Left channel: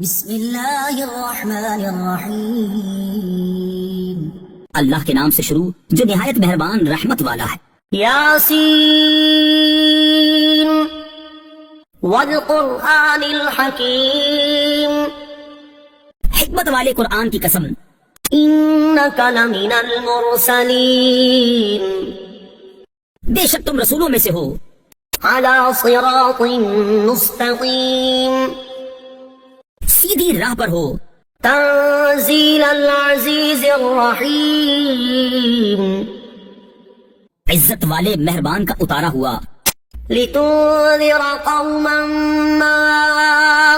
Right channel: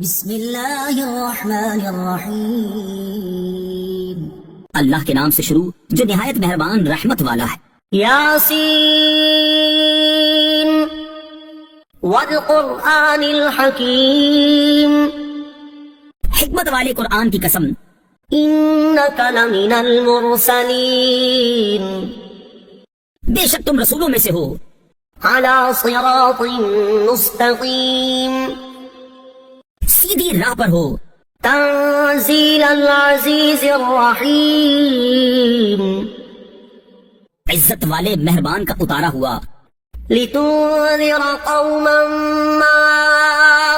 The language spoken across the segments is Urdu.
بسم اللہ الرحمن الرحیم، اللہ کے نام سے شروع جو نہایت مہربان رحمت والا ہے۔ یاسین والقرآن الحکیم، حکمت والے قرآن کی قسم۔ انک لمن المرسلین، بے شک تم رسولوں میں سے ہو۔ علی صراط مستقیم، سیدھی راہ پر ہو۔ تنزیل العزیز الرحیم، عزت والے مہربان کا اتارا ہوا۔ لتنذر قوما ما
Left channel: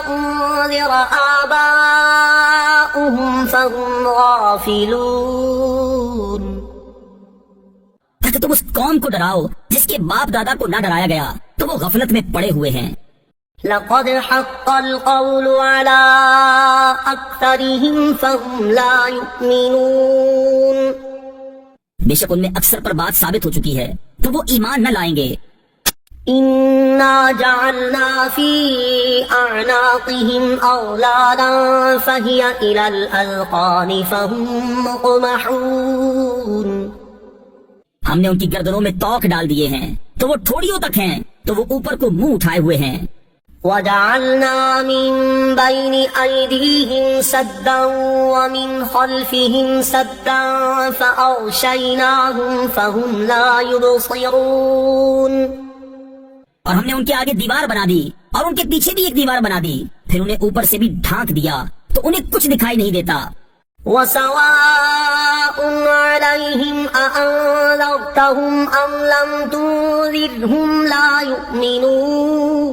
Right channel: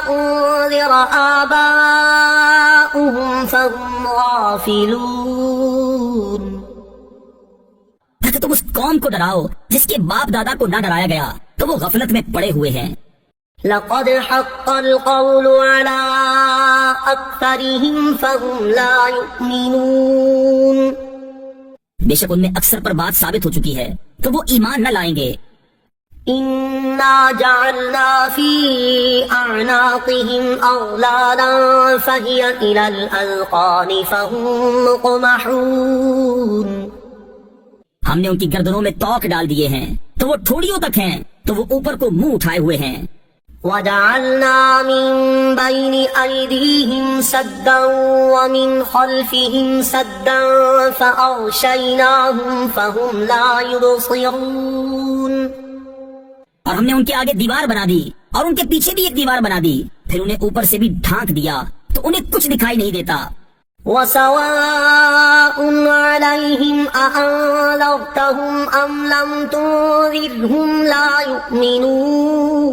انذر آباؤهم فهم غافلون، تاکہ تم اس قوم کو ڈراؤ جس کے باپ دادا کو نہ ڈرایا گیا تو وہ غفلت میں پڑے ہوئے ہیں۔ لقد حق القول على أكثرهم فهم لا يؤمنون، بے شک ان میں اکثر پر بات ثابت ہو چکی ہے تو وہ ایمان نہ لائیں گے۔ انا جعلنا في اعناقهم اغلالا فهي الى الاذقان فهم مقمحون، ہم نے ان کی گردنوں میں توق ڈال دیے ہیں تو وہ ٹھوڑیوں تک ہیں تو وہ اوپر کو منہ اٹھائے ہوئے ہیں۔ وَجَعَلْنَا مِن بَيْنِ أَيْدِيهِمْ سَدًّا وَمِنْ خَلْفِهِمْ سَدًّا فَأَغْشَيْنَاهُمْ فَهُمْ لَا يُبْصِرُونَ، اور ہم نے ان کے آگے دیوار بنا دی اور ان کے پیچھے بھی ایک دیوار بنا دی، پھر انہیں اوپر سے بھی ڈھانک دیا تو انہیں کچھ دکھائی نہیں دیتا۔ وَسَوَاءٌ عَلَيْهِمْ أَأَنذَرْتَهُمْ أَمْ لَمْ تُنذِرْهُمْ لَا يُؤْمِنُونَ،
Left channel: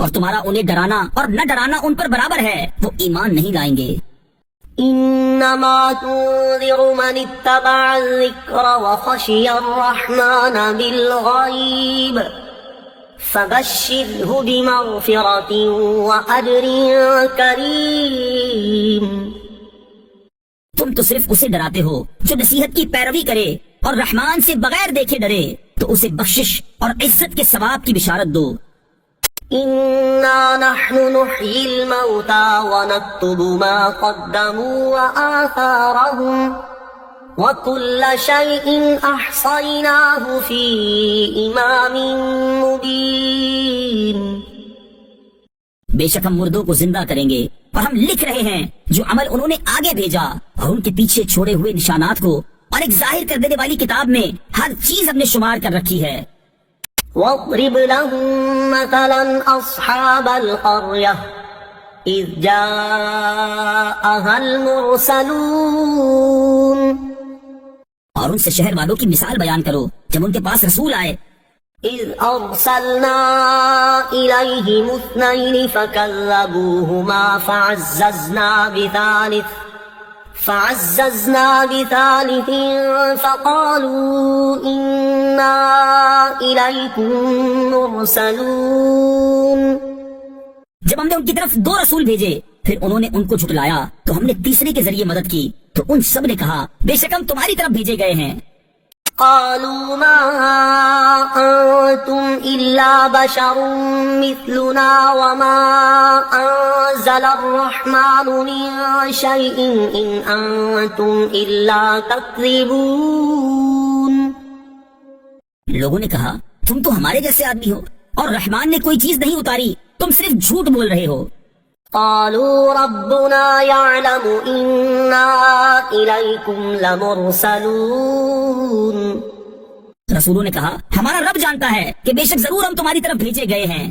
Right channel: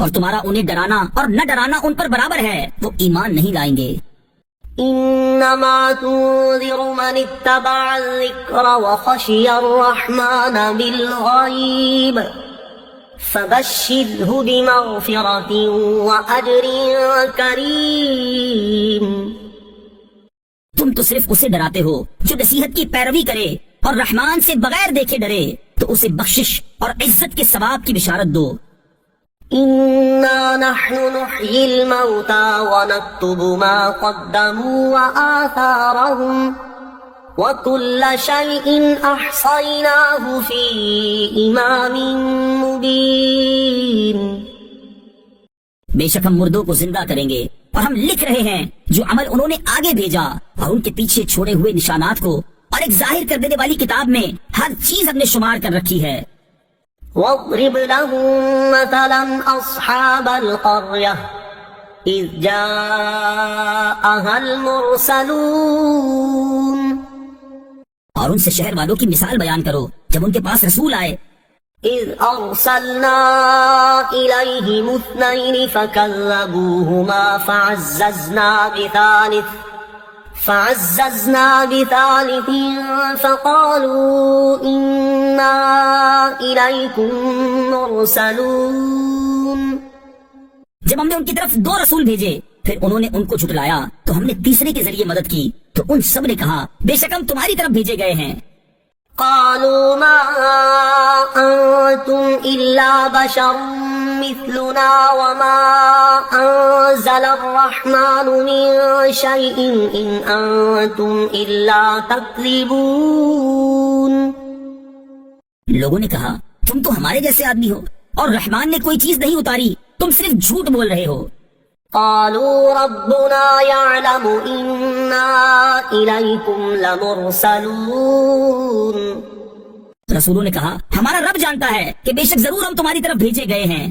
اور تمہارا انہیں ڈرانا اور نہ ڈرانا ان پر برابر ہے، وہ ایمان نہیں لائیں گے۔ انما تنذر من اتبع الذکر وخشی الرحمن بالغیب فبشرہ بمغفرۃ واجر کریم، تم تو صرف اسے ڈراتے ہو جو نصیحت کی پیروی کرے اور رحمان سے بغیر دیکھے ڈرے، تو اسے بخشش اور عزت کے ثواب کی بشارت دو۔ انا نحن نحيي الموتى ونكتب ما قدموا وآثارهم وكل شيء احصيناه في امام مبين، بے شک ہم مردوں کو زندہ کریں گے اور ہم لکھ رہے ہیں جو عمل انہوں نے آگے بھیجا اور ان کے پیچھے چھوڑے ہوئے نشانات کو، اور ایک ظاہر کر دینے والی کتاب میں ہر چیز ہم نے شمار کر رکھی ہے۔ وَاضْرِبْ لَهُم مَّثَلًا أَصْحَابَ الْقَرْيَةِ إِذْ جَاءَهَا الْمُرْسَلُونَ، اور ان سے شہر والوں کی مثال بیان کرو جب ان کے پاس رسول آئے۔ إِذْ أَرْسَلْنَا إِلَيْهِمُ اثْنَيْنِ فَكَذَّبُوهُمَا فعززنا بثالث فقالوا إنا إليكم مرسلون، جب ہم نے ان کی طرف دو رسول بھیجے پھر انہوں نے ان کو جھٹلایا تو ہم نے تیسرے کے ذریعے مدد کی تو ان سب نے کہا بے شک ہم تمہاری طرف بھیجے گئے ہیں۔ قالوا ما أنتم إلا بشر مثلنا وما أنزل الرحمن من شيء إن أنتم إلا تكذبون، لوگوں نے کہا تم تو ہمارے جیسے آدمی ہو اور رحمان نے کوئی چیز نہیں اتاری، تم صرف جھوٹ بول رہے ہو۔ قالوا ربنا يعلم إنا إليكم لمرسلون، رسولوں نے کہا ہمارا رب جانتا ہے کہ بے شک ضرور ہم تمہاری طرف بھیجے گئے ہیں۔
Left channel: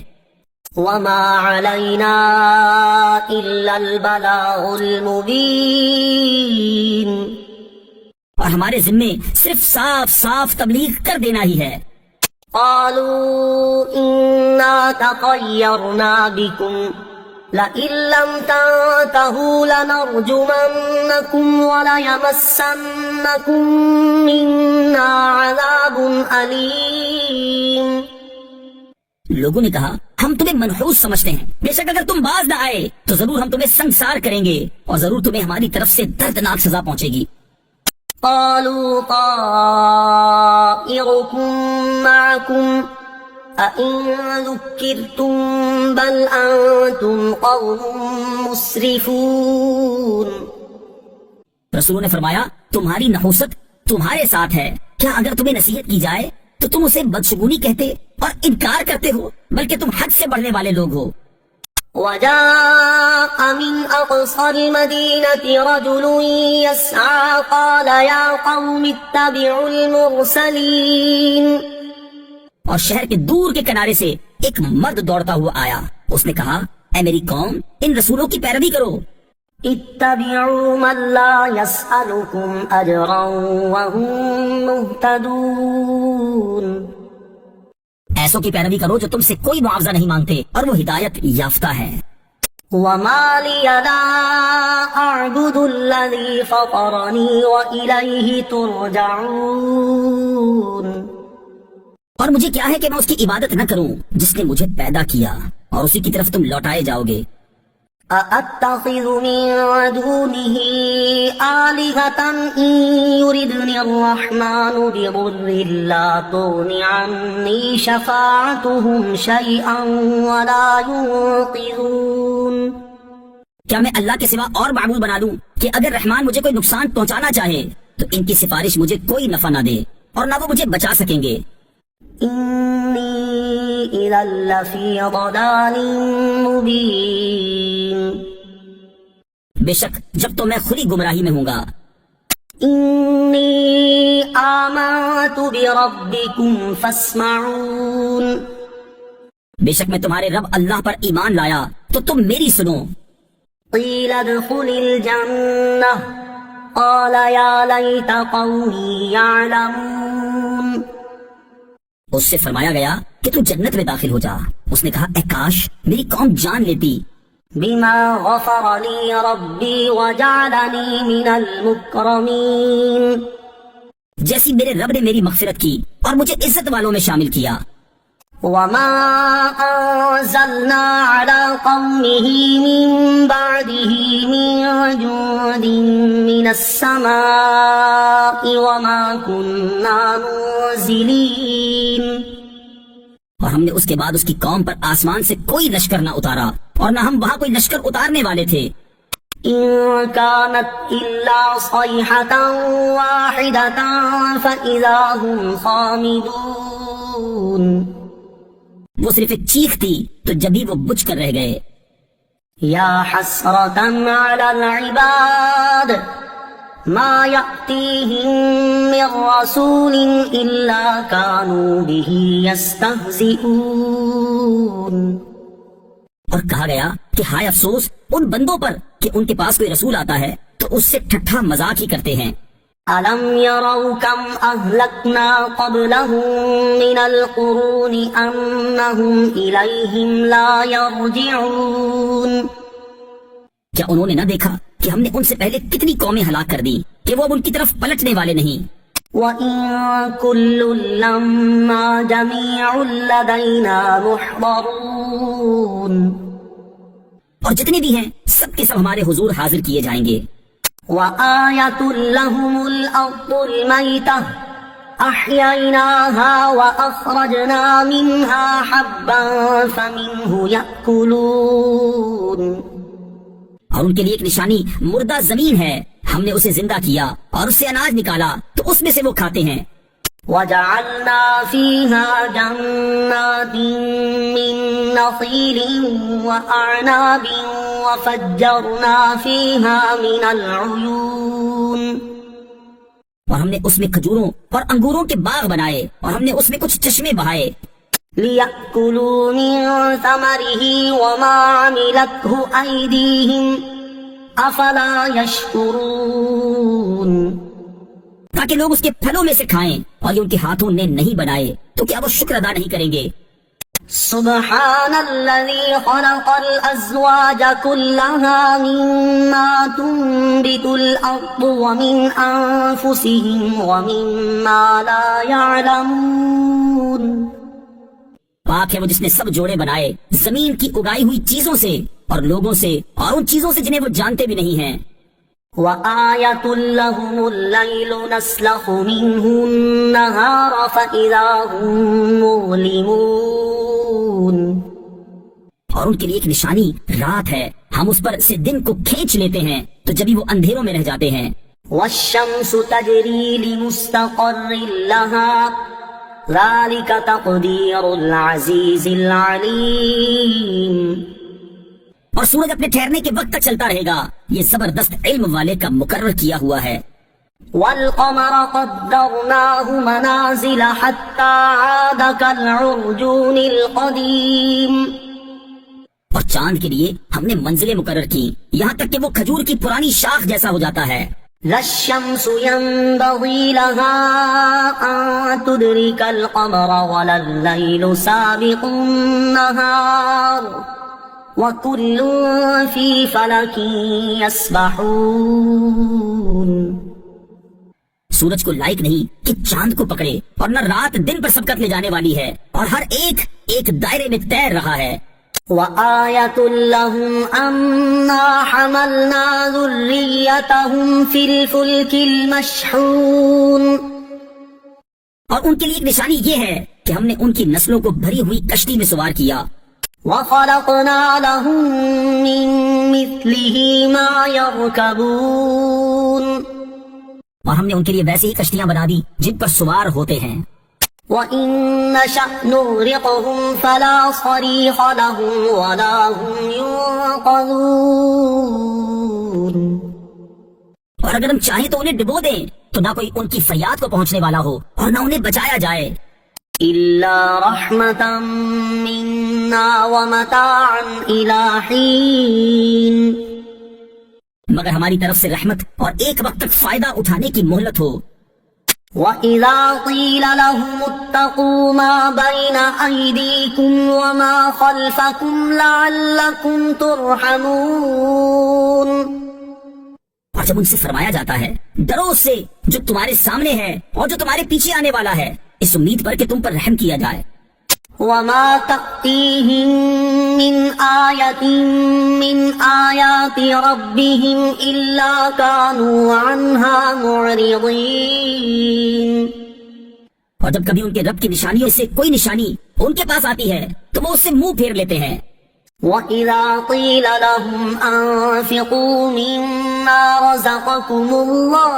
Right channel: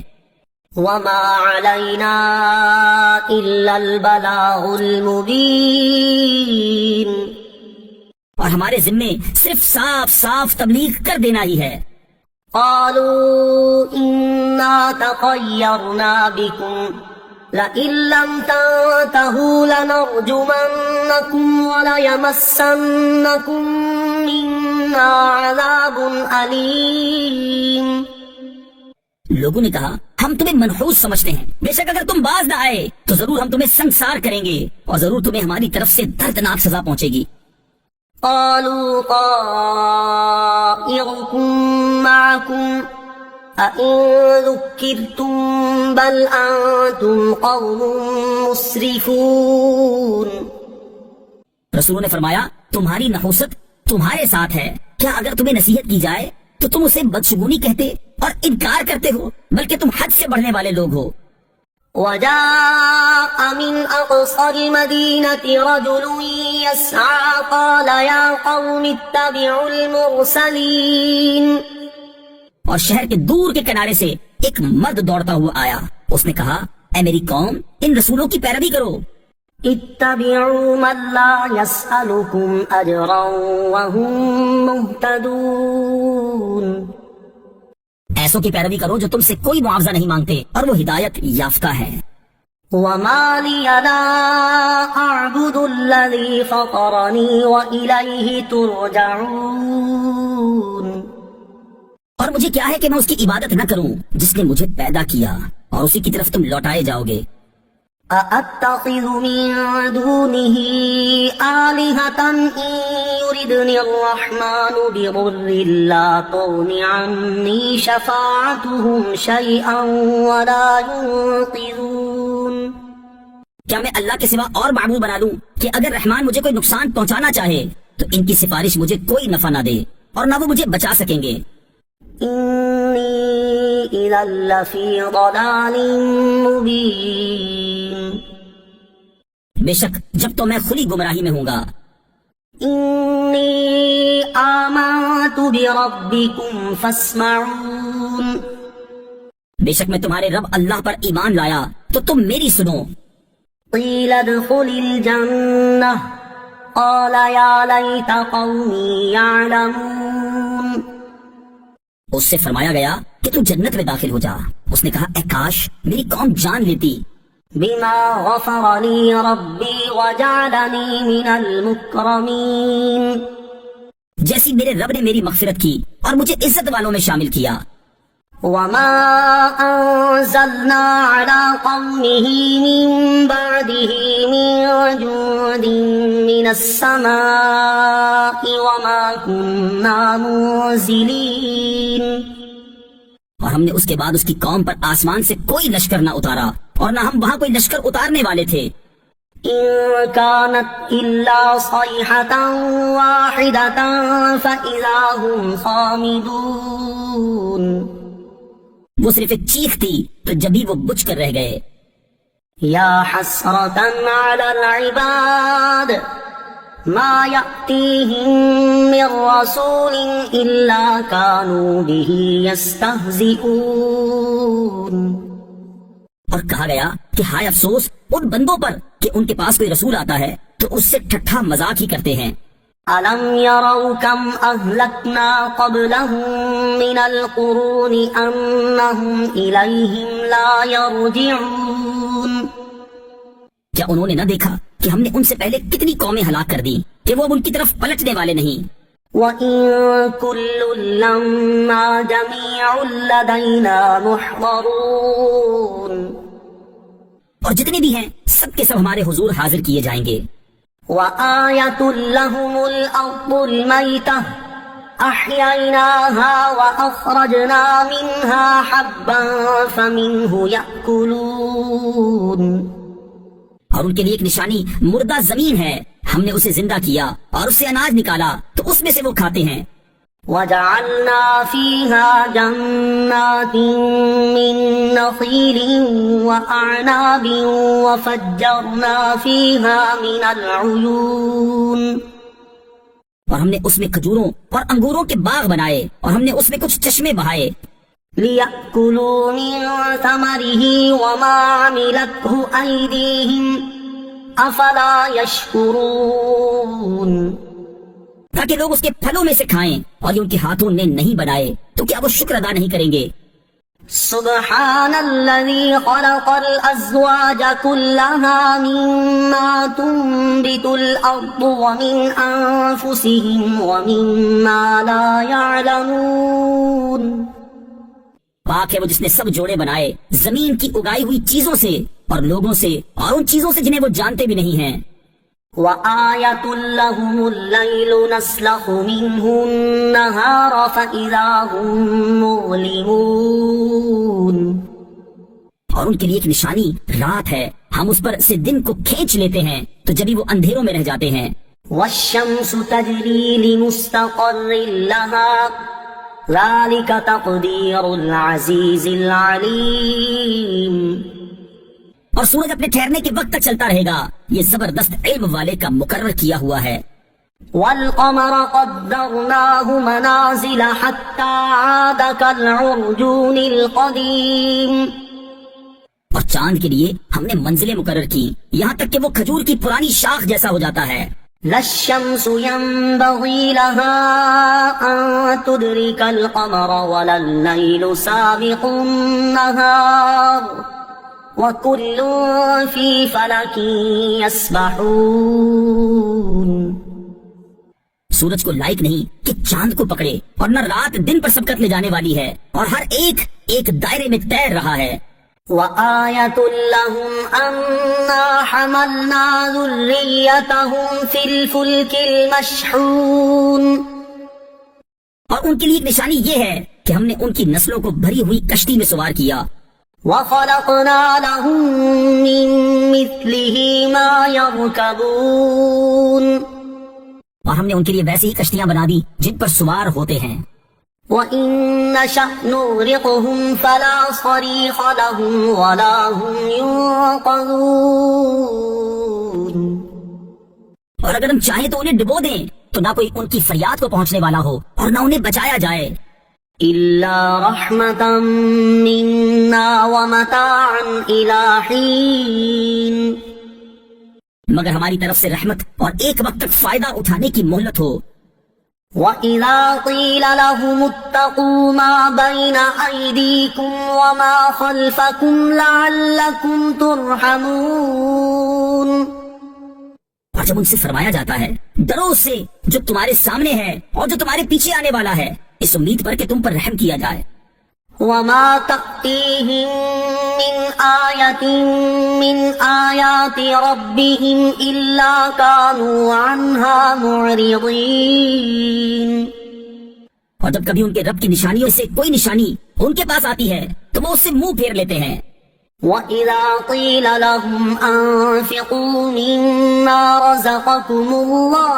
وما علينا إلا البلاغ المبين، اور ہمارے ذمے صرف صاف صاف تبلیغ کر دینا ہی ہے۔ قالوا إنا تطيرنا بكم لئن لم تنتهوا لنرجمنكم وليمسنكم منا عذاب أليم، لوگوں نے کہا ہم تمہیں منحوس سمجھتے ہیں، بے شک اگر تم باز نہ آئے تو ضرور ہم تمہیں سنسار کریں گے اور ضرور تمہیں ہماری طرف سے دردناک سزا پہنچے گی۔ قالوا طائركم معكم أَإِن ذُكِّرْتُم بَلْ أَنتُمْ قَوْمٌ مُسْرِفُونَ۔ رسول نے فرمایا تمہاری نحوست تمہارے ساتھ ہے، کیا اگر تمہیں نصیحت کی جائے تو تم اسے بدشگونی کہتے اور انکار کرتے ہو، بلکہ تم حد سے بڑھنے والے لوگ ہو۔ وجاء من أقصى المدينة رجل يسعى قال يا قوم اتبعوا المرسلين۔ اور شہر کے دور کے کنارے سے ایک مرد دوڑتا ہوا آیا، اس نے کہا اے میری قوم ان رسولوں کی پیروی کرو۔ اتبعوا من لا يسألكم أجرا وهم مهتدون۔ ایسوں کی پیروی کرو جو تم سے کوئی معاوضہ نہیں مانگتے اور وہ ہدایت یافتہ ہے۔ وما لي لا أعبد الذي فطرني وإليه ترجعون۔ اور مجھے کیا ہے کہ میں اس کی عبادت نہ کروں جس نے مجھے پیدا کیا اور اسی کی طرف تم لوٹائے جاؤ گے۔ أَأَتَّخِذُ مِن دُونِهِ آلِهَةً إِن يُرِدْنِ الرَّحْمَنُ بِضُرٍّ لَّا تُغْنِ عَنِّي شَفَاعَتُهُمْ شَيْئًا وَلَا يُنقِذُونَ۔ کیا میں اللہ کے سوا اور معبود بنا لوں کہ اگر رحمان مجھے کوئی نقصان پہنچانا چاہے تو ان کی سفارش مجھے کوئی نفع نہ دے اور نہ وہ مجھے بچا سکیں گے۔ إِنِّي إِذًا لَّفِي ضَلَالٍ مُّبِينٍ۔ بے شک جب تو میں کھلی گمراہی میں ہوں گا۔ إِنِّي آمَنتُ بِرَبِّكُمْ فَاسْمَعُونِ۔ بے شک میں تمہارے رب اللہ پر ایمان لایا تو تم میری سنو۔ قِيلَ ادْخُلِ الْجَنَّةَ قَالَ يَا لَيْتَ قَوْمِي يَعْلَمُونَ۔ اس سے فرمایا گیا کہ تو جنت میں داخل ہو جا۔ اس نے کہا اے کاش میری قوم جان لیتی۔ بِمَا غَفَرَ لِي رَبِّي وَجَعَلَنِي مِنَ الْمُكْرَمِينَ۔ جیسی میرے رب نے میری مغفرت کی اور مجھے عزت والوں میں شامل کیا۔ وَمَا أَنزَلْنَا عَلَىٰ قَوْمِهِ مِن بَعْدِهِ مِن جُندٍ مِّنَ السَّمَاءِ وَمَا كُنَّا مُنزِلِينَ۔ اور ہم نے اس کے بعد اس کی قوم پر آسمان سے کوئی لشکر نہ اتارا اور نہ ہم وہاں کوئی لشکر اتارنے والے تھے۔ إِن كَانَتْ إِلَّا صَيْحَةً وَاحِدَةً فَإِذَا هُمْ خَامِدُونَ۔ وہ صرف ایک چیخ تھی تو جبھی وہ بجھ کر رہ گئے۔ یا حسرة على العباد ما يأتيهم من رسول إلا كانوا به يستهزئون۔ اور کہا گیا کہ ہائے افسوس ان بندوں پر کہ ان کے پاس کوئی رسول آتا ہے تو اس سے ٹھٹھا مذاق ہی کرتے ہیں۔ أَلَمْ يَرَوْا كَمْ أَهْلَكْنَا قَبْلَهُمْ مِنَ الْقُرُونِ أَنَّهُمْ إِلَيْهِمْ لَا يَرْجِعُونَ۔ کیا انہوں نے نہ دیکھا کہ ہم نے ان سے پہلے کتنی قومیں ہلاک کر دی کہ وہ اب ان کی طرف پلٹنے والے نہیں۔ وَإِن كُلٌّ لَّمَّا جَمِيعٌ لَّدَيْنَا مُحْضَرُونَ۔ اور جتنی بھی ہیں سب کے سب ہمارے حضور حاضر کیے جائیں گے۔ وَآيَةٌ لَّهُمُ الْأَرْضُ الْمَيْتَةُ أَحْيَيْنَاهَا وَأَخْرَجْنَا مِنْهَا حَبًّا فَمِنْهُ يَأْكُلُونَ۔ اور ان کے لیے ایک نشانی مردہ زمین ہے، ہم نے اسے زندہ کیا اور اس سے اناج نکالا تو اس میں سے وہ کھاتے ہیں۔ وَجَعَلْنَا فِيهَا جَنَّاتٍ مِّن نَّخِيلٍ وَأَعْنَابٍ وَفَجَّرْنَا فِيهَا مِنَ الْعُيُونِ۔ اور ہم نے اس میں کھجوروں اور انگوروں کے باغ بنائے اور ہم نے اس میں کچھ چشمے بہائے۔ لِيَأْكُلُوا مِن ثَمَرِهِ وَمَا عَمِلَتْهُ أَيْدِيهِمْ أَفَلَا يَشْكُرُونَ۔ تاکہ لوگ اس کے پھلوں میں سے کھائیں اور یہ ان کے ہاتھوں نے نہیں بنائے تو کیا وہ شکر ادا نہیں کریں گے۔ سبحان الذي خلق الأزواج كلها مما تنبت الأرض ومن أنفسهم ومما لا يعلمون۔ پاک ہے وہ جس نے سب جوڑے بنائے زمین کی اگائی ہوئی چیزوں سے اور لوگوں سے اور ان چیزوں سے جنہیں وہ جانتے بھی نہیں ہیں۔ وآية لهم الليل نسلخ منه النهار فإذا هم مظلمون. اور ان کے لیے ایک نشانی رات ہے، ہم اس پر سے دن کو کھینچ لیتے ہیں تو جبھی وہ اندھیروں میں رہ جاتے ہیں. والشمس تجري لمستقر لها ذلك تقدير العزيز العليم. اور سورج اپنے ٹھہرنے کے وقت تک چلتا رہے گا، یہ زبردست علم والے کا مقرر کیا ہوا ہے. والقمر قدرناه منازل حتى عاد كالعرجون القديم. اور چاند کے لیے ہم نے منزلیں مقرر کی یہاں تک کہ وہ کھجور کی پرانی شاخ جیسا ہو جاتا ہے. لا الشمس ينبغي لها أن تدرك القمر ولا الليل سابق النهار وكل في فلك يسبحون. سورج کو لائق نہیں کہ چاند کو پکڑے، اور نہ رات دن پر سبقت لے جانے والی ہے، اور ہر ایک ایک دائرے میں تیر رہا ہے. وآية لهم أنا حملنا ذريتهم في الفلك المشحون. اور ان کے لیے ایک نشانی یہ ہے کہ ہم نے ان کی نسلوں کو بھری ہوئی کشتی میں سوار کیا. وخلقنا لهم من مثله ما يركبون. اور ہم نے ان کے لیے ویسی ہی کشتیاں بنا دی جن پر سوار ہوتے ہیں. وَإِن نَّشَأْ نُغْرِقْهُمْ فَلَا صَرِيخَ لَهُمْ وَلَا هُمْ يُنقَذُونَ. اور اگر ہم چاہیں تو انہیں ڈبو دیں تو نہ کوئی ان کی فریاد کو پہنچنے والا ہو اور نہ انہیں بچایا جائے. إِلَّا رَحْمَةً مِّنَّا وَمَتَاعًا إِلَىٰ حِينٍ. مگر ہماری طرف سے رحمت اور ایک وقت تک فائدہ اٹھانے کی مہلت ہو. وَإِذَا قِيلَ لَهُمُ اتَّقُوا مَا بَيْنَ أَيْدِيكُمْ وَمَا خَلْفَكُمْ لَعَلَّكُمْ تُرْحَمُونَ. اور جب ان سے فرمایا جاتا ہے ڈرو اس سے جو تمہارے سامنے ہے اور جو تمہارے پیچھے آنے والا ہے، اس امید پر کہ تم پر رحم کیا جائے. وَمَا تَأْتِيهِم مِّنْ آيَةٍ مِّنْ آيَاتِ رَبِّهِمْ إِلَّا كَانُوا عَنْهَا مُعْرِضِينَ. اور جب کبھی ان کے رب کی نشانیوں سے کوئی نشانی ان کے پاس آتی ہے تو وہ اس سے منہ پھیر لیتے ہیں. وَإِذَا قِيلَ لَهُمْ أَنفِقُوا مِمَّا رَزَقَكُمُ اللَّهُ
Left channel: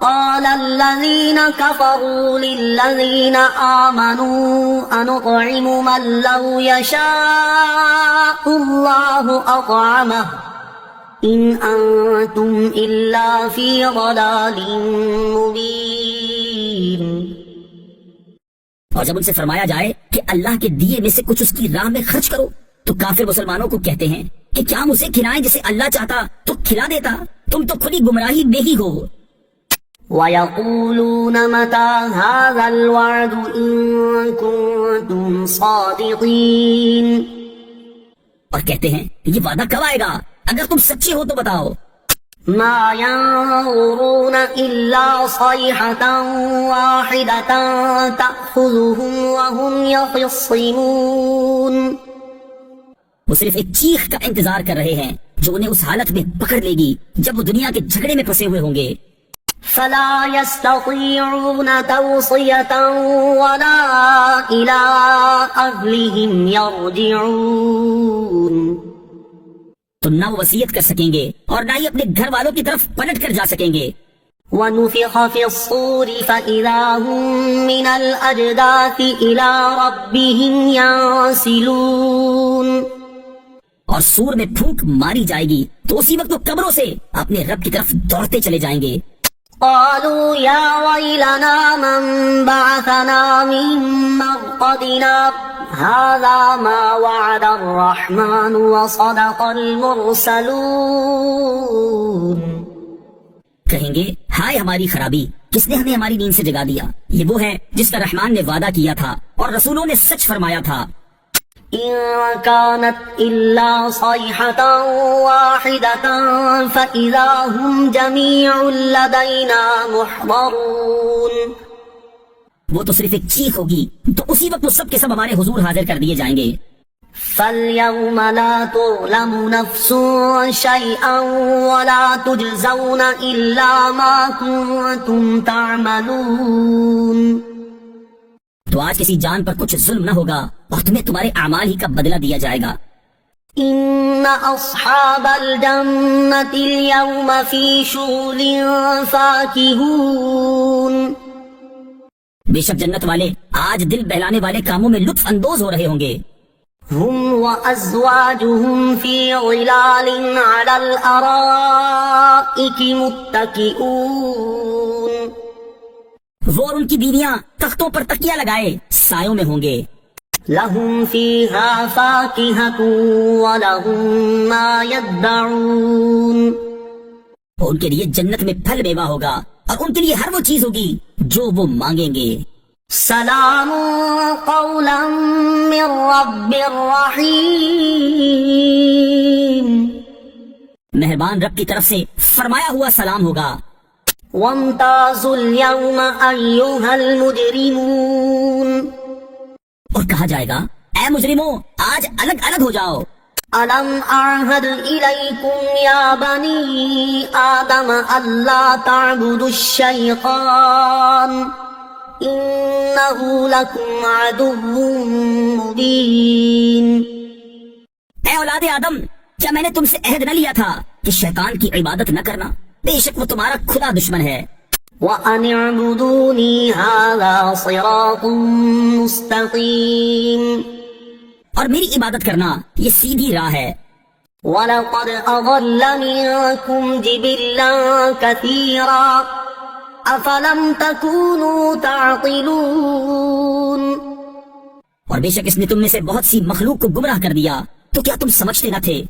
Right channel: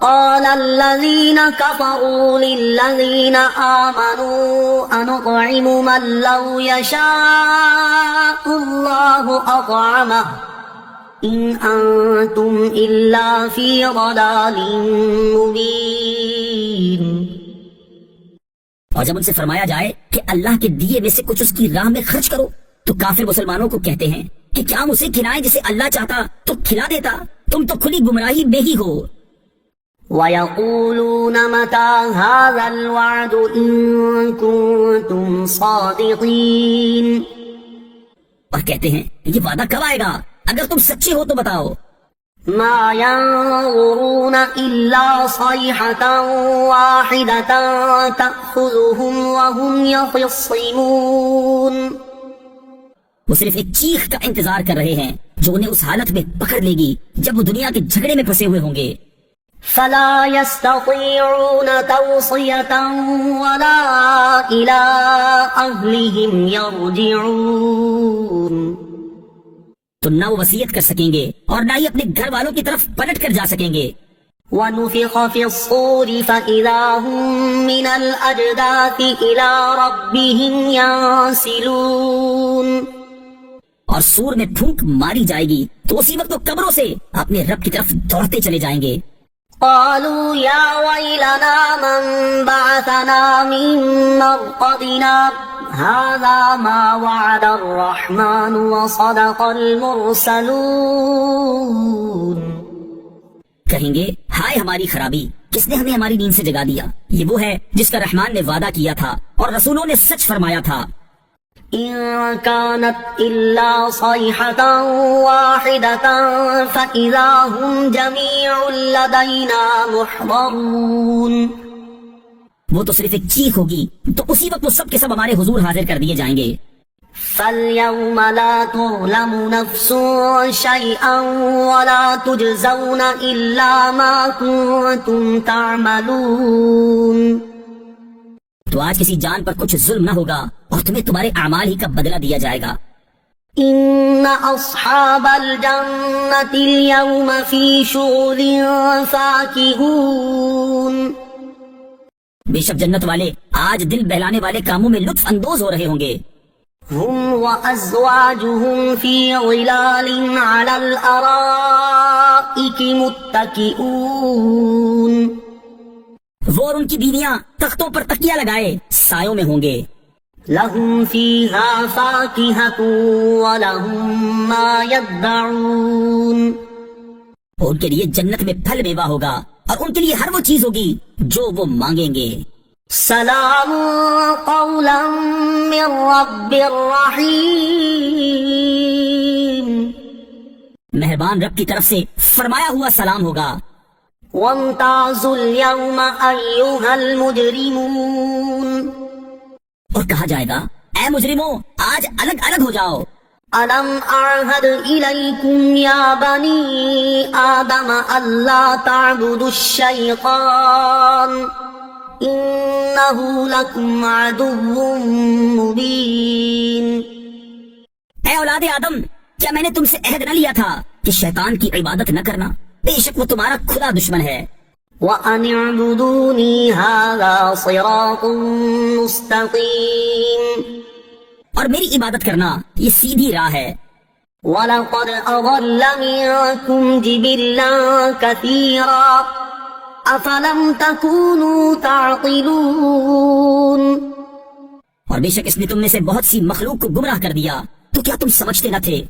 قَالَ الَّذِينَ كَفَرُوا لِلَّذِينَ آمَنُوا أَنُطْعِمُ مَن لَّوْ يَشَاءُ اللَّهُ أَطْعَمَهُ إِنْ أَنتُمْ إِلَّا فِي ضَلَالٍ مُّبِينٍ. اور جب ان سے فرمایا جائے کہ اللہ کے دیے میں سے کچھ اس کی راہ میں خرچ کرو تو کافر مسلمانوں کو کہتے ہیں کہ کیا ہم اسے کھلائیں جسے اللہ چاہتا تو کھلا دیتا، تم تو کھلی گمراہی میں ہی ہو. وَيَقُولُونَ مَتَىٰ هَٰذَا الْوَعْدُ إِن كُنتُمْ صَادِقِينَ. اور کہتے ہیں یہ وعدہ کب آئے گا، اگر تم سچے ہو تو بتاؤ. مَا يَنظُرُونَ إِلَّا صَيْحَةً وَاحِدَةً تَأْخُذُهُمْ وَهُمْ يَخِصِّمُونَ. وہ صرف ایک چیخ کا انتظار کر رہے ہیں جو انہیں اس حالت میں پکڑ لے گی جب وہ دنیا کے جھگڑے میں پھنسے ہوئے ہوں گے. فَلَا يَسْتَطِيعُونَ تَوْصِيَةً وَلَا إِلَىٰ أَهْلِهِمْ يَرْجِعُونَ. تو نہ وہ وصیت کر سکیں گے اور نہ ہی اپنے گھر والوں کی طرف پلٹ کر جا سکیں گے. وَنُفِخَ فِي الصُّورِ فَإِذَا هُم مِّنَ الْأَجْدَاثِ إِلَىٰ رَبِّهِمْ يَنسِلُونَ. اور سور میں پھونک ماری جائے گی تو اسی وقت وہ قبروں سے اپنے رب کی طرف دوڑتے چلے جائیں گے. قالوا يا ويلنا من بعثنا من مرقدنا هذا ما وعد الرحمن وصدق المرسلون. کہیں گے ہائے ہماری خرابی، کس نے ہمیں ہماری نیند سے جگا دیا، یہ وہ ہے جس کا رحمان نے وعدہ کیا تھا اور رسولوں نے سچ فرمایا تھا. إن كانت إلا صيحة واحدة فإذا هم جميع لدينا محضرون. وہ تو صرف ایک چیخ ہوگی تو اسی وقت وہ سب کے سب ہمارے حضور حاضر کر دیے جائیں گے. فَالْيَوْمَ لَا تُظْلَمُ نَفْسٌ شَيْئًا وَلَا تُجْزَوْنَ إِلَّا مَا كُنتُمْ تَعْمَلُونَ۔ تو آج کسی جان پر کچھ ظلم نہ ہوگا اور تمہیں تمہارے اعمال ہی کا بدلہ دیا جائے گا۔ إِنَّ أَصْحَابَ الْجَنَّةِ الْيَوْمَ فِي شُغُلٍ فَاكِهُونَ۔ بے شک جنت والے آج دل بہلانے والے کاموں میں لطف اندوز ہو رہے ہوں گے۔ هُمْ وَأَزْوَاجُهُمْ فِي ظِلَالٍ عَلَى الْأَرَائِكِ مُتَّكِئُونَ۔ وہ اور ان کی بیویاں تختوں پر تکیہ لگائے سایوں میں ہوں گے۔ لَهُمْ فِيهَا فَاكِهَةٌ وَلَهُمْ مَا يَدَّعُونَ۔ اور ان کے لیے جنت میں پھل میوہ ہوگا اور ان کے لیے ہر وہ چیز ہوگی جو وہ مانگیں گے۔ سلام قولا من رب رحیم۔ مہربان رب کی طرف سے فرمایا ہوا سلام ہوگا۔ وامتازوا اليوم ایھا المجرمون۔ اور کہا جائے گا اے مجرموں آج الگ الگ ہو جاؤ۔ أَلَمْ أَعْهَدْ إِلَيْكُمْ يَا بَنِي آدَمَ أَلَّا تَعْبُدُوا الشَّيْطَانَ إِنَّهُ لَكُمْ عَدُوٌّ مُبِينٌ۔ اے اولاد آدم کیا میں نے تم سے عہد نہ لیا تھا کہ شیطان کی عبادت نہ کرنا؟ بے شک وہ تمہارا کھلا دشمن ہے۔ وَأَنِ اعْبُدُونِي هَذَا صِرَاطٌ مُسْتَقِيمٌ۔ اور میری عبادت کرنا یہ سیدھی راہ ہے۔ وَلَقَدْ أَضَلَّ مِنكُمْ جِبِلًّا كَثِيرًا أَفَلَمْ تَكُونُوا تَعْقِلُونَ۔ اور بے شک اس نے تم میں سے بہت سی مخلوق کو گمراہ کر دیا تو کیا تم سمجھتے نہ تھے؟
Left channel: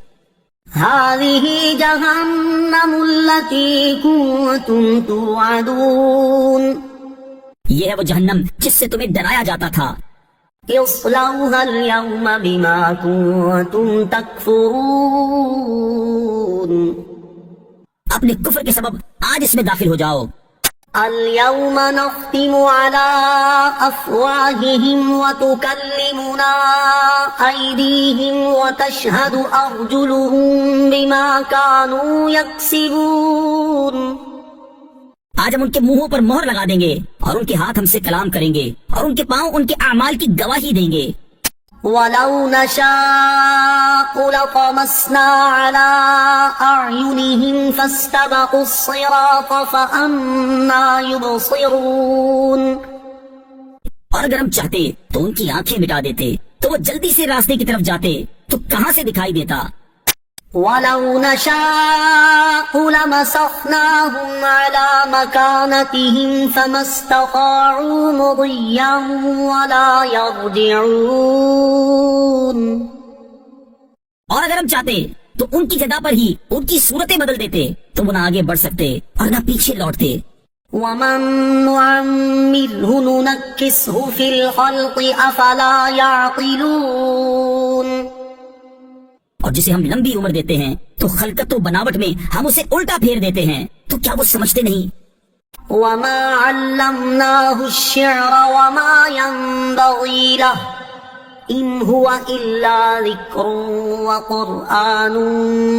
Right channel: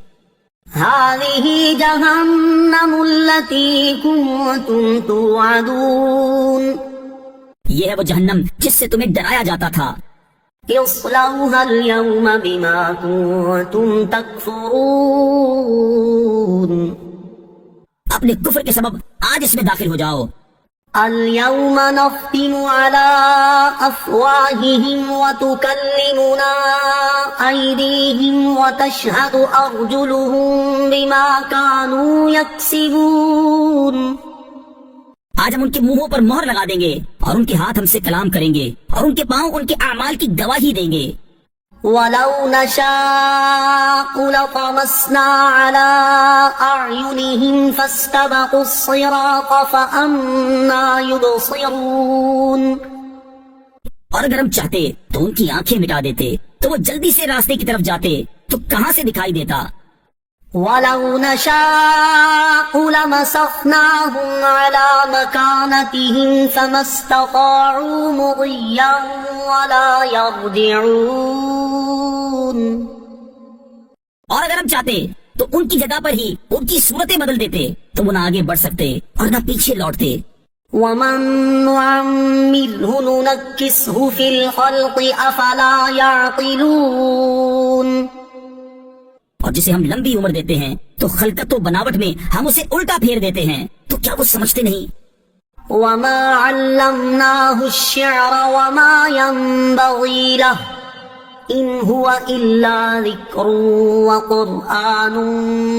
هَذِهِ جَهَنَّمُ الَّتِي كُنتُمْ تُوعَدُونَ۔ یہ ہے وہ جہنم جس سے تمہیں ڈرایا جاتا تھا۔ اصلوها اليوم بما كنتم تكفرون۔ اپنے کفر کے سبب آج اس میں داخل ہو جاؤ۔ اليوم نختم على أفواههم وتكلمنا أيديهم وتشهد أرجلهم بما كانوا يكسبون۔ آج ہم ان کے منہوں پر مہر لگا دیں گے اور ان کے ہاتھ ہم سے کلام کریں گے اور ان کے پاؤں ان کے اعمال کی گواہی دیں گے۔ وَلَوْ نَشَاءُ لَطَمَسْنَا عَلَىٰ أَعْيُنِهِمْ فَاسْتَبَقُوا الصِّرَاطَ فَأَنَّىٰ يُبْصِرُونَ۔ اور اگر ہم چاہتے تو ان کی آنکھیں مٹا دیتے تو وہ جلدی سے راستے کی طرف جاتے تو کہاں سے دکھائی دیتا۔ وَلَوْ نَشَاءُ لَمَسَخْنَاهُمْ عَلَىٰ مَكَانَتِهِمْ فَمَا اسْتَطَاعُوا مُضِيًّا وَلَا يَرْجِعُونَ۔ اور اگر ہم چاہتے تو ان کی جگہ پر ہی ان کی صورتیں بدل دیتے تو وہ نہ آگے بڑھ سکتے اور نہ پیچھے لوٹتے۔ وَمَن نُّعَمِّرْهُ نُنَكِّسْهُ فِي الْخَلْقِ أَفَلَا يَعْقِلُونَ۔ اور جسے ہم لمبی عمر دیتے ہیں تو خلقت و بناوٹ میں ہم اسے الٹا پھیر دیتے ہیں تو کیا وہ سمجھتے نہیں؟ وَمَا عَلَّمْنَاهُ الشِّعْرَ وَمَا يَنبَغِي لَهُ إِنْ هُوَ إِلَّا ذِكْرٌ وَقُرْآنٌ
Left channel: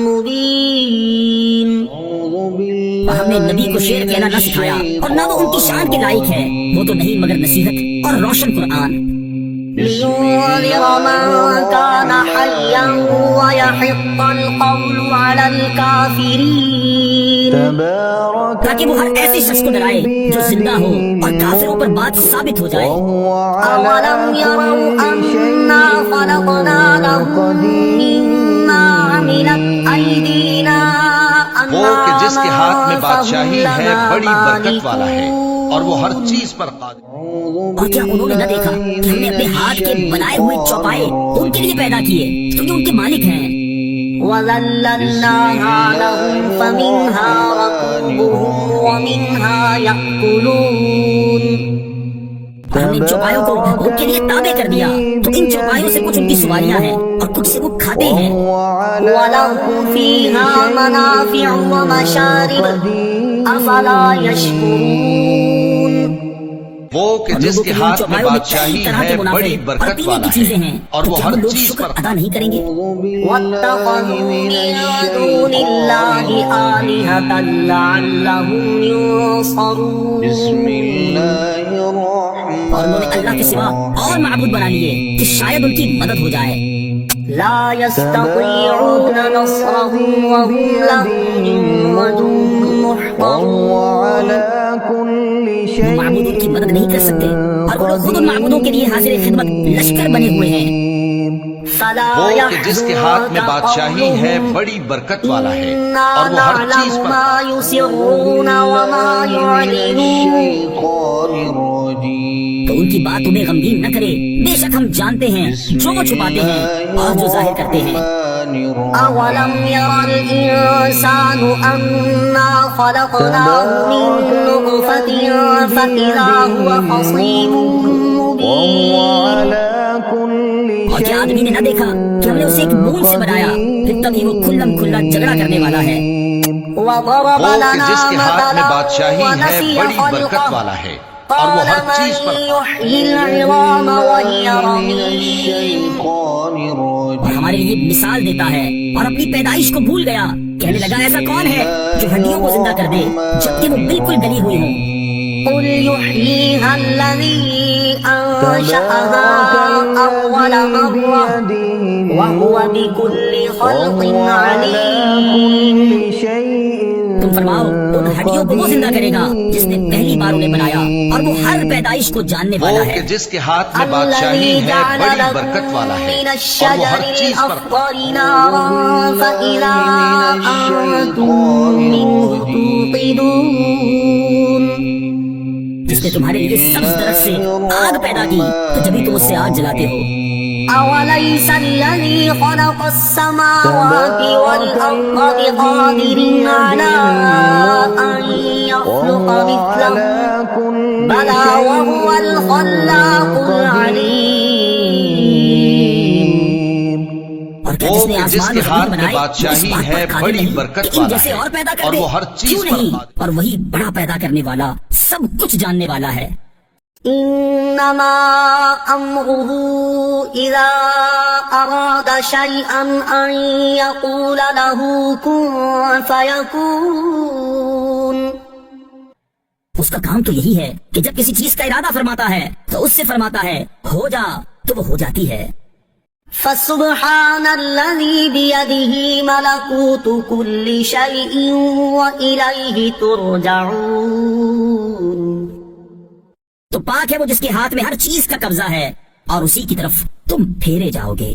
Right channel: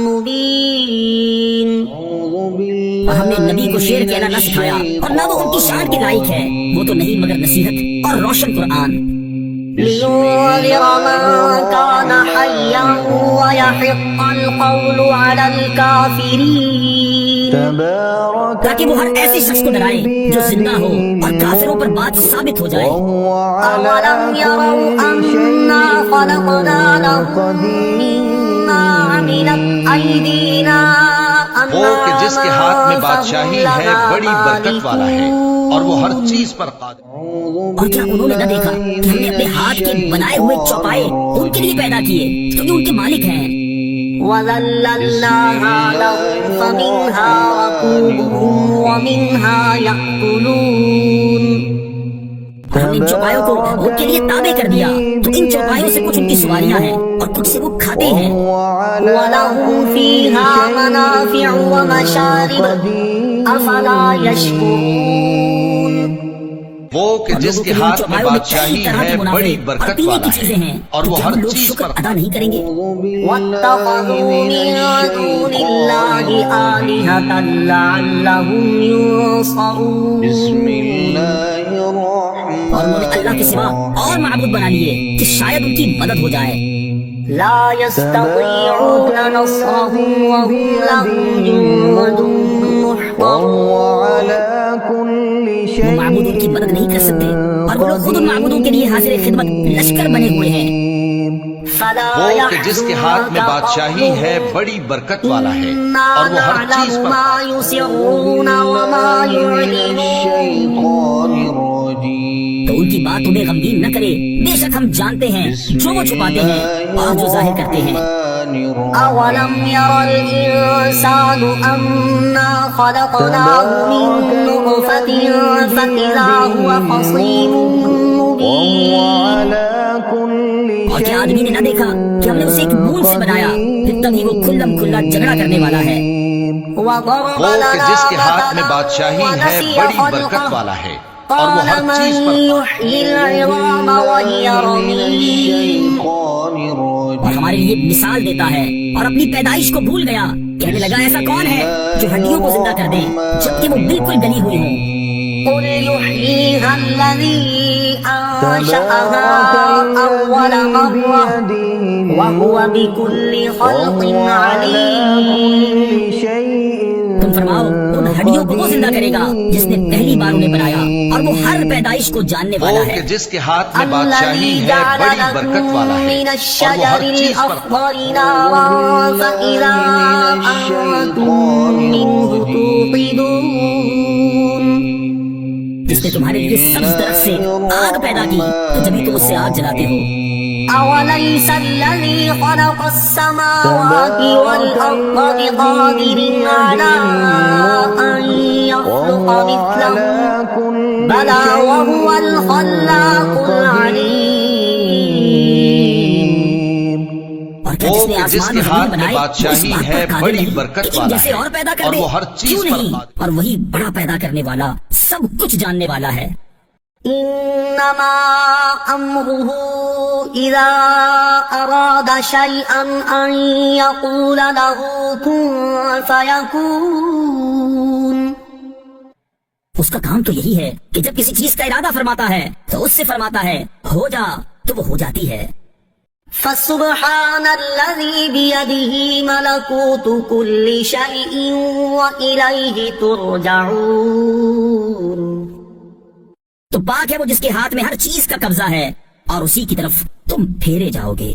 مُبِينٌ۔ اور ہم نے نبی کو شعر کہنا نہ سکھایا اور نہ وہ ان کی شان کے لائق ہے، وہ تو نہیں مگر نصیحت اور روشن قرآن۔ لِيُنذِرَ مَن كَانَ حَيًّا وَيَحِقَّ الْقَوْلُ عَلَى الْكَافِرِينَ۔ تاکہ وہ ہر ایسے شخص کو ڈرائے جو زندہ ہو اور کافروں پر بات ثابت ہو جائے۔ أَوَلَمْ يَرَوْا أَنَّا خَلَقْنَا لَهُم مِّمَّا عَمِلَتْ أَيْدِينَا وہ کہ جس کے ہاتھ میں بادشاہی ہے بڑی برکت والا ہے اور وہ ہر چیز پر قادر۔ اور کیا انہوں نے نہ دیکھا کہ ہم نے اپنے ہاتھ کے بنائے ہوئے چوپائے ان کے لیے پیدا کیے کیونکہ ان کے مالک ہیں۔ وَذَلَّلْنَاهَا لَهُمْ فَمِنْهَا رَكُوبُهُمْ وَمِنْهَا يَأْكُلُونَ۔ ہم ان چوپایوں کو ان کے لیے تابع کر دیا تو ان چوپایوں سے کچھ ان کی سواریاں ہیں اور کچھ سے وہ کھاتے ہیں۔ وَلَهُمْ فِيهَا مَنَافِعُ وَمَشَارِبُ أَفَلَا يَشْكُرُونَ۔ وہ کہ جس کے ہاتھ میں بادشاہی ہے بڑی برکت والا ہے اور وہ ہر چیز پر ادا نہیں کریں گے. أعوذ بالله من الشيطان الرجيم بسم الله اور انہوں نے اللہ کے سوا اور معبود بنا لیے کہ شاید ان کی مدد ہو جائے. لا يستطيعون نصرهم وهم الملك وهو على كل معبودوں کی مدد نہیں کر سکتے اور وہ خود ان معبودوں کے لیے حاضر خدمت لشکر بنے ہوئے ہیں. وہ کہ جس کے ہاتھ میں بادشاہی ہے بڑی برکت والا ہے اور وہ ہر چیز پر تو ان کی بات تمہیں غمگین نہ کرے. بے شک ہم جانتے ہیں جو چھپاتے ہیں اور جو ظاہر کرتے ہیں. أولم ير الإنسان أنا خلقناه من نطفة فإذا هو خصيم اور کیا آدمی نے نہ دیکھا کہ ہم نے اسے ایک بوند سے بنایا پھر تبھی وہ کھلم کھلا جھگڑا کرنے والا ہے. وہ کہ جس کے ہاتھ میں بادشاہی ہے بڑی برکت والا ہے اور وہ ہر چیز پر اور ہمارے لیے مثال دیتا ہے اور اپنی پیدائش کو بھول گیا. کہنے لگا ایسا کون ہے جو ہڈیوں کو زندہ کر دے جبکہ وہ بالکل گلی ہوئی ہوں. قل يحييها الذي أنشأها أول مرة وهو بكل خلق عليم. تم فرماؤ ان ہڈیوں کو وہ زندہ کرے گا جس نے پہلی بار انہیں بنایا اور وہ ہر پیدائش کو جاننے وہ والا کہ ہے. جس کے ہاتھ میں بادشاہی ہے بڑی برکت والا ہے اور وہ ہر چیز پر جس نے تمہارے لیے سبز درخت سے آگ پیدا کی تو جبھی تم اس سے آگ جلاتے ہو. أوليس الذي خلق السماوات والأرض بقادر على أن يخلق مثلهم بلى وهو الخلاق العليم. وہ کہ جس کے ہاتھ میں بادشاہی ہے بڑی برکت والا ہے اور وہ ہر چیز پر اور وہی بڑا پیدا کرنے والا سب کچھ جاننے والا ہے. إنما أمره إذا أراد شيئا أن يقول له كن فيكون. اس کا کام تو یہی ہے کہ جب کسی چیز کا ارادہ فرماتا ہے تو اس سے فرماتا ہے ہو جا تو وہ ہو جاتی ہے. فسبحان الذي بيده ملكوت كل شيء وإليه ترجعون. تو پاک ہے وہ جس کے ہاتھ میں ہر چیز کا قبضہ ہے اور اسی کی طرف تم پھیرے جاؤ گے.